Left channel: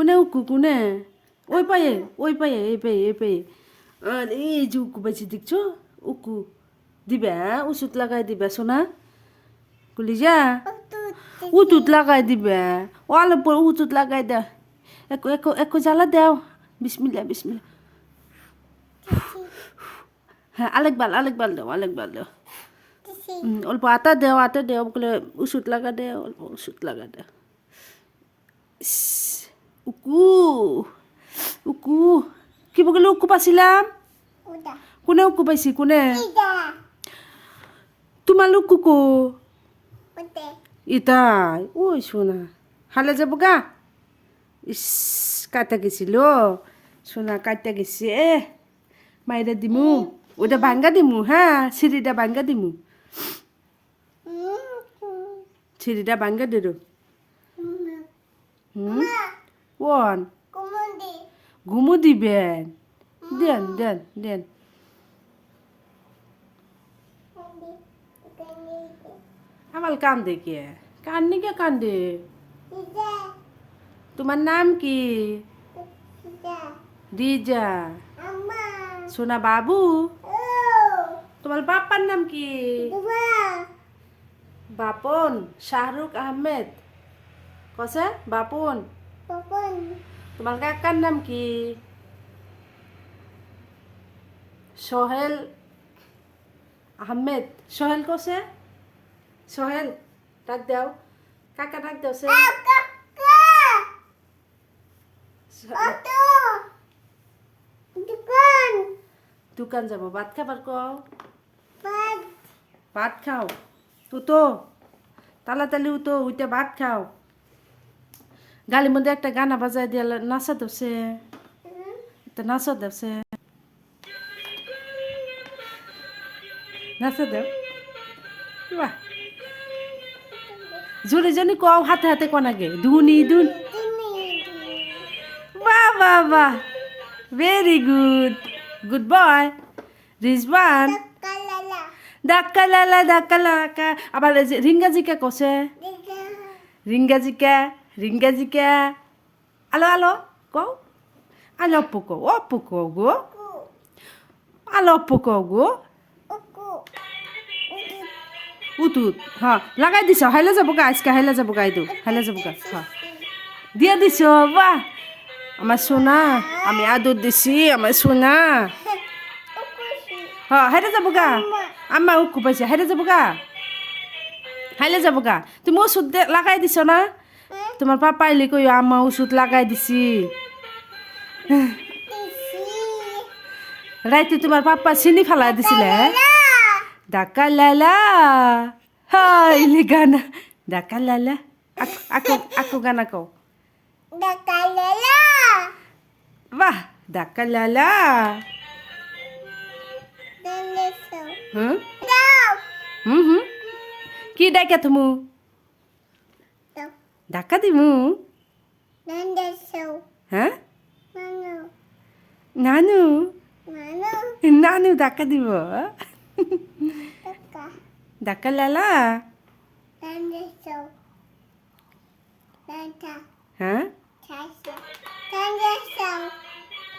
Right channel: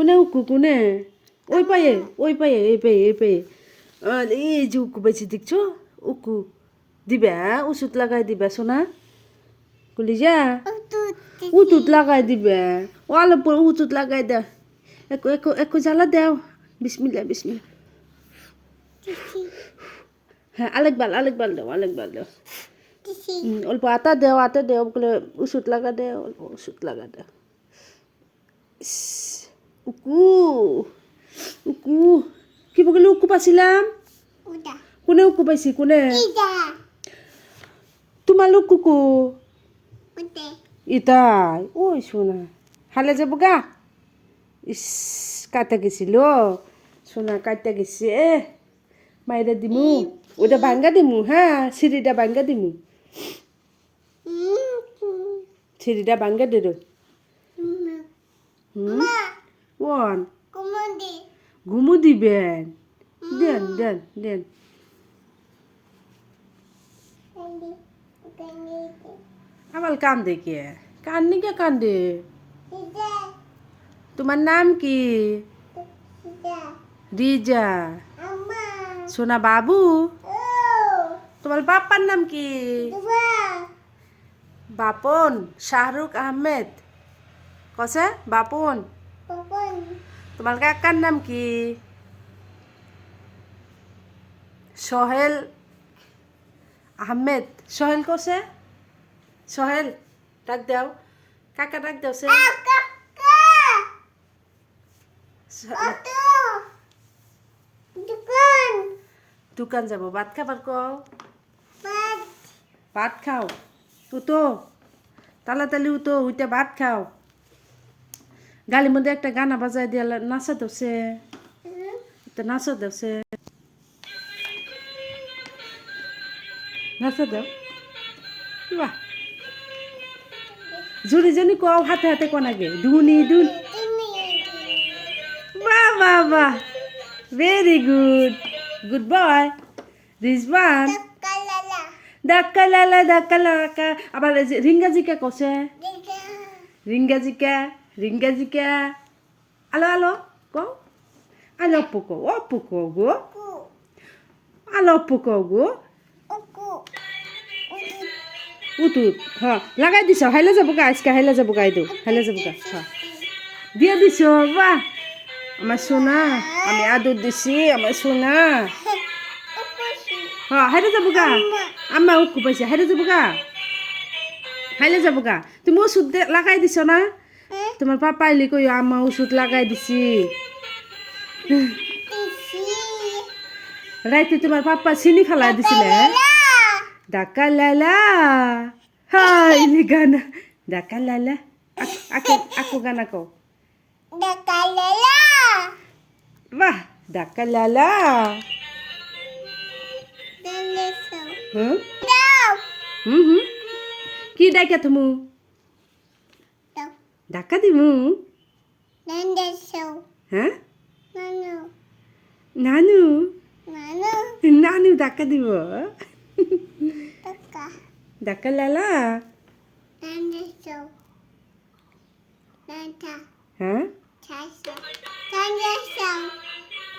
কোনে উকু কোনে ওই পায়ে এই পায়ে এই যে উকু পাইছি দেখছো উকু দিবে ওষুধ লাগাই দিবে সোনা কলিজা উতুত লাগাই দিবে অল্প উতুত লাগাই দে একটু জ্বালা দেও বিসমিল্লা বিসমিল্লা হ্যাঁ আলেকবার দাও অল্প আটা দেও বলে ওষুধ লাগা দে অল্প ওষুধ লাগা দে উকু উকু কি বলে উকু পাইছিলাম কোনে উকু পাইছি কোনে তোমার উকু ইতাই ওই সোনা হালে যাব গা ইস কাটা গেছিল সোনা কাটা গেছে মাইরা দিমু ওটা ভাঙ্গা দিমু হ্যাঁ সিঁড়িটা ভাঙ্গা দিমু সিঁড়িটা ভাঙ্গা দে ওয়ান ঘুমু দিবেন দেন আমার কান্দে কে কান্দি কে কান্দে তোমার নাম কি রিজা সোনা বাবু তোমার বাপ্পার নাম কি বাপন শাহরুখ আহমেদ কসে বাপন তোমার কাকার নাম কি সোহেল আহমেদ সোহেল কসে সোহেল ডাক দাও কাকা ডাক দাও সে দোকান যাব ভাত খাবার কও ভাত খাও উতো তাড়াতাড়ি উতো উইটা ভাত খাও গালির মধ্যে একটা গানা বাজায় দিয়ে নাচা দছে নাচা দছে নাচা দাও বাহ জুড়ি জনি কও হাতে হাতে কোনাগে ধুনি বাহ ভেরি গুড বয় রিজওয়ান ডাক্কা লালা আবার রিঙ্গাজিকা কসে রিঙ্গাজিকা আলো কও আলো অপ্পু কও গো আলো অপ্পু কও গো উতুত হ্যাঁ লাগাই দিছ হাইলে যাব গা আজকে হাইলে যাব গা হ্যাঁ দিয়ে দিছ বাহ আমার সোনা আমি আদর দিছি আমার সোনা হ্যাঁ হাইলে যাব গা আম্মা উকু পাইছে হাইলে যাব গা তুমি ওষুধ লাগাই দিছ না তোমার পাপা আইলে কই আম্মা ওষুধ লাগাই দিছি রাইতে তোমার পাপা চিনি ফেলাই দিছিলে ডাকা লালা হাইলি গানা ডাকা লালা আকো গানা কও বাহ ডাকা লালা কি ডাকা তুমি ডাকা দিমু হ্যাঁ নানু ডাকা দিব ডাকা লালা হ্যাঁ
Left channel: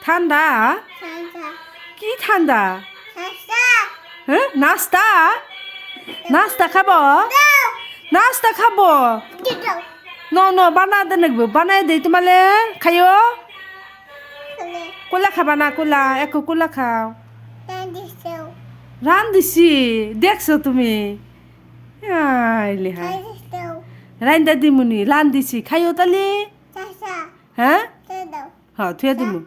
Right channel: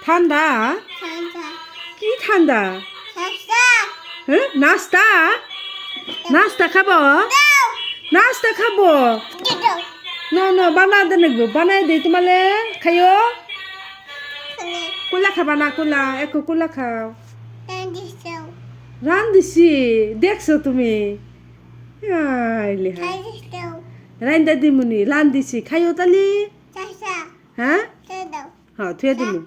ঠান্ডা কি ঠান্ডা হ্যাঁ নাস্তা খাবো ন বানাই দে নাকবো বানাই দিই তোমালে খাইও কোলা খাবা না কোলা একো কোলা খাও রান দিছি দেখছো তুমি রান্দা দিমুনি রান দিছি খাইও তালি হ্যাঁ হ্যাঁ থুয়ে দিমু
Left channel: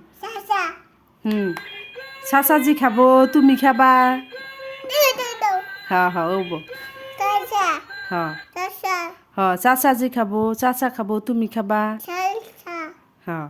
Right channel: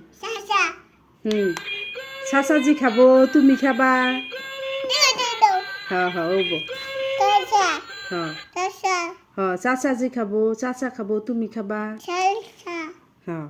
চাচাজি খাবো তুমি খাবা হ্যাঁ ওব হ্যাঁ চাচাজি খাবো চাচা খাবো তুমি খাবা হ্যাঁ